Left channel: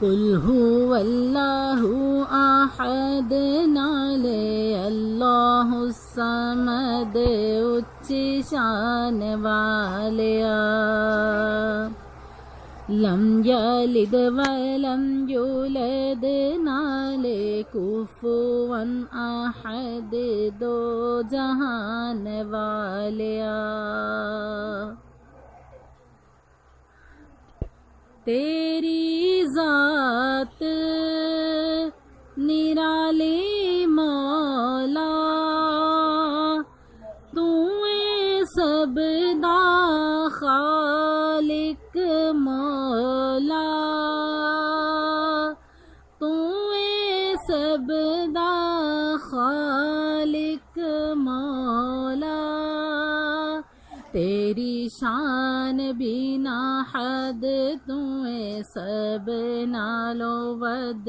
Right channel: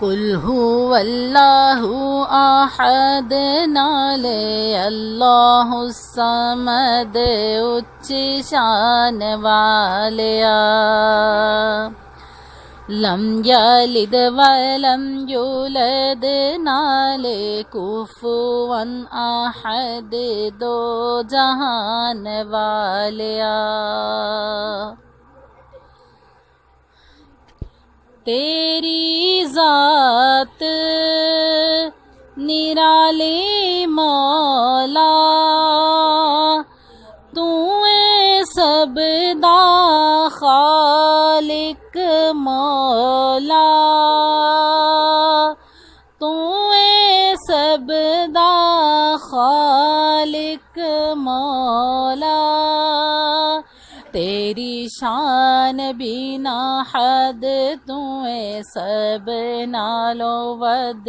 कुल हुवल्लाहु अहद नाले अल्लाहु समद उच्ची शान वालिया लम यलिद वलम युलद नाले कुफुवन अहद दो जहान वालिया तेरी ज़ात निराले मौला तू सब दा खालिक मौला तू सब दा खालिक मौला तेरी शान बिना हद तू सब नालो वद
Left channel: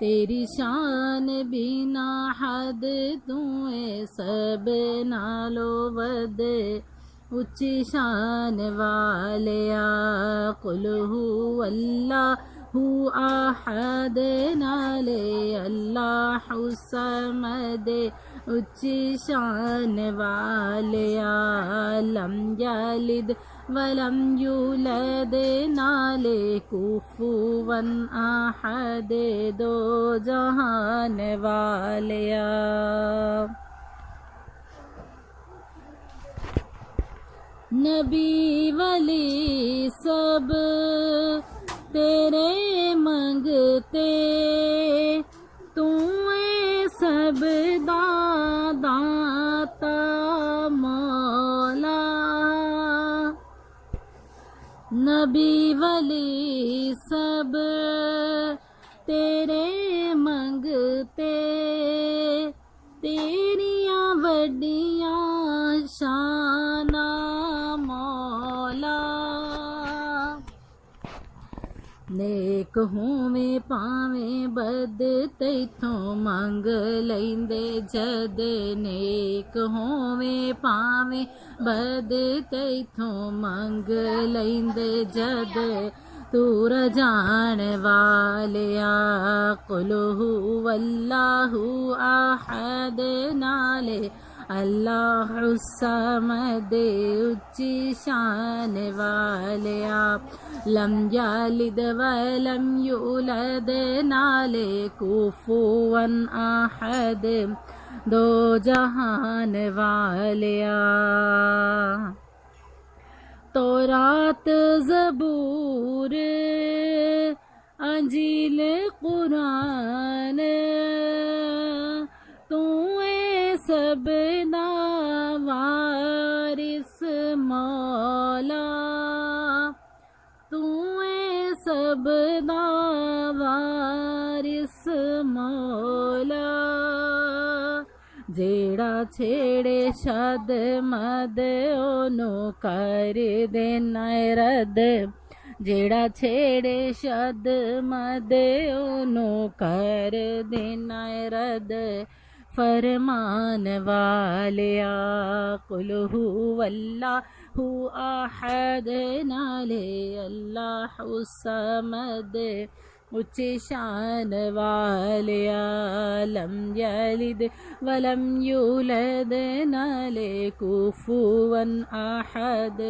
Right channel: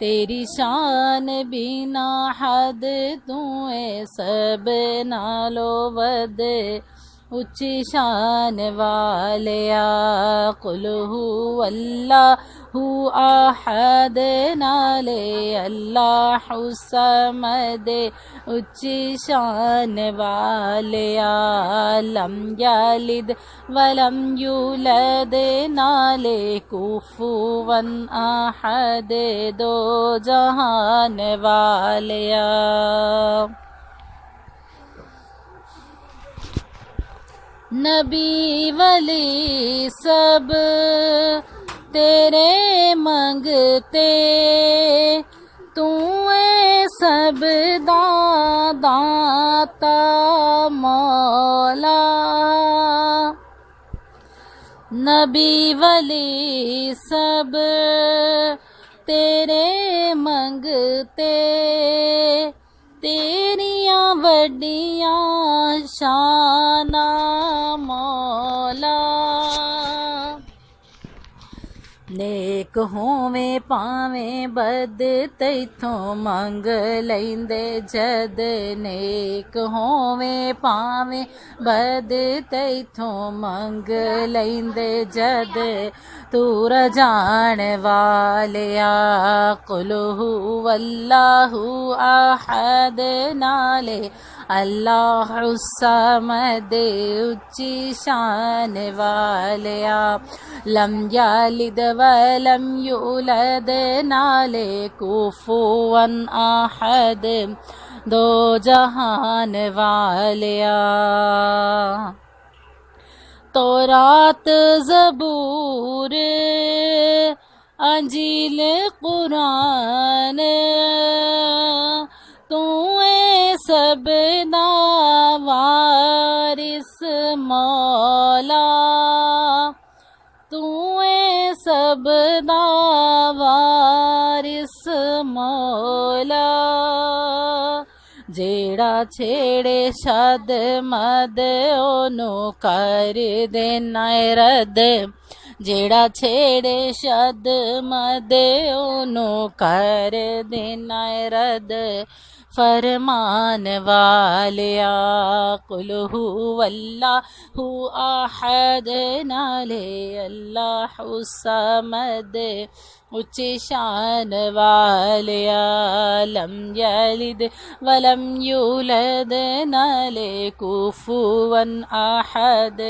तेरी शान बिना हद तू सब नालो वद उच्ची शान वालिया कुल हुवल्लाहु अहद नाले अल्लाहु समद उच्ची शान वालिया लम यलिद वलम युलद नाले कुफुवन अहद दो जहान वालिया नबी वली सब तेरे मंगते तू सब दाता मौला नबी वली सब तेरे मंगते तेरियां वड्डियां शाना मौला नेक होवे पावें बद तैथों मंग लैंदे जद नेक होवे पावें बद तैथों मंग लैंदे जद तू रजान वालिया कुल हुवल्लाहु अहद नाले अल्लाहु समद उच्ची शान वालिया लम यलिद वलम युलद नाले कुफुवन अहद दो जहान वालिया तौरात ज़बूर अंजील कुरान तू सब वारिस मौला तू सब वारिस मौला जेड़ा छेड़े शद मद ओनू कर देना रद जेड़ा छेड़े शद मद ओनू कर देना रद फरमान वालिया कुल हुवल्लाहु अहद नाले अल्लाहु समद उच्ची शान वालिया लम यलिद वलम युलद नाले कुफुवन अहद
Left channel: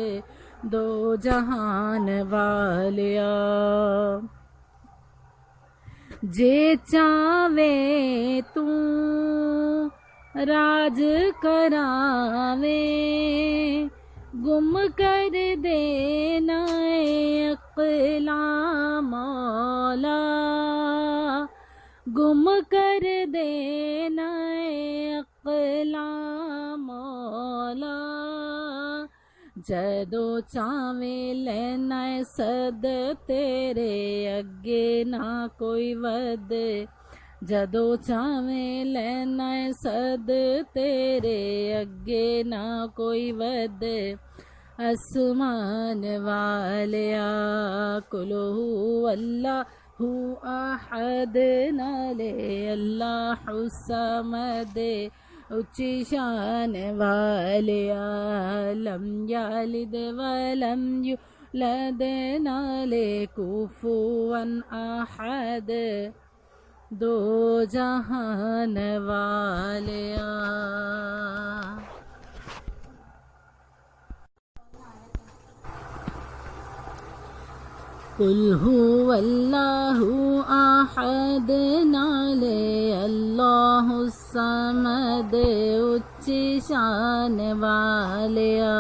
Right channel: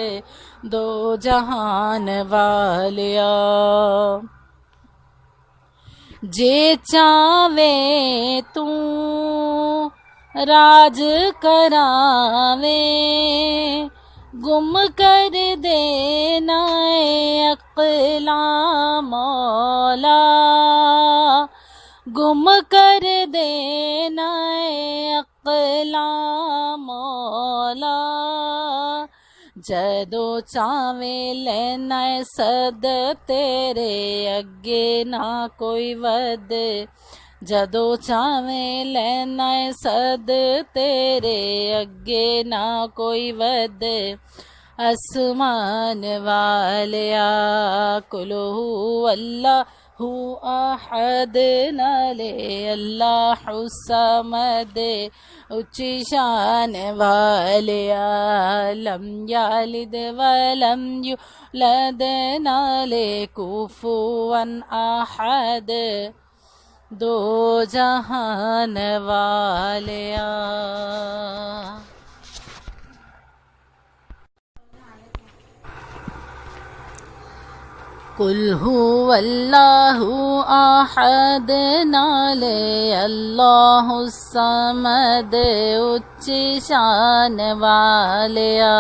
दो जहान वालिया जे चावे तू राज करावे गुम कर देना अक़ला मौला गुम कर देना अक़ला मौला जदो चावे लेना सद तेरे अगे ना कोई वद जदो चावे लेना सद तेरे अगे ना कोई वद आसमान वालिया कुल हुवल्लाहु अहद नाले अल्लाहु समद ऊंची शान वालिया लम यालिद वलम यूलद नाले कुफुवन अहद दो जहान वालिया। कुल हुवल्लाहु अहद नाले अल्लाहु समद ऊंची शान वालिया।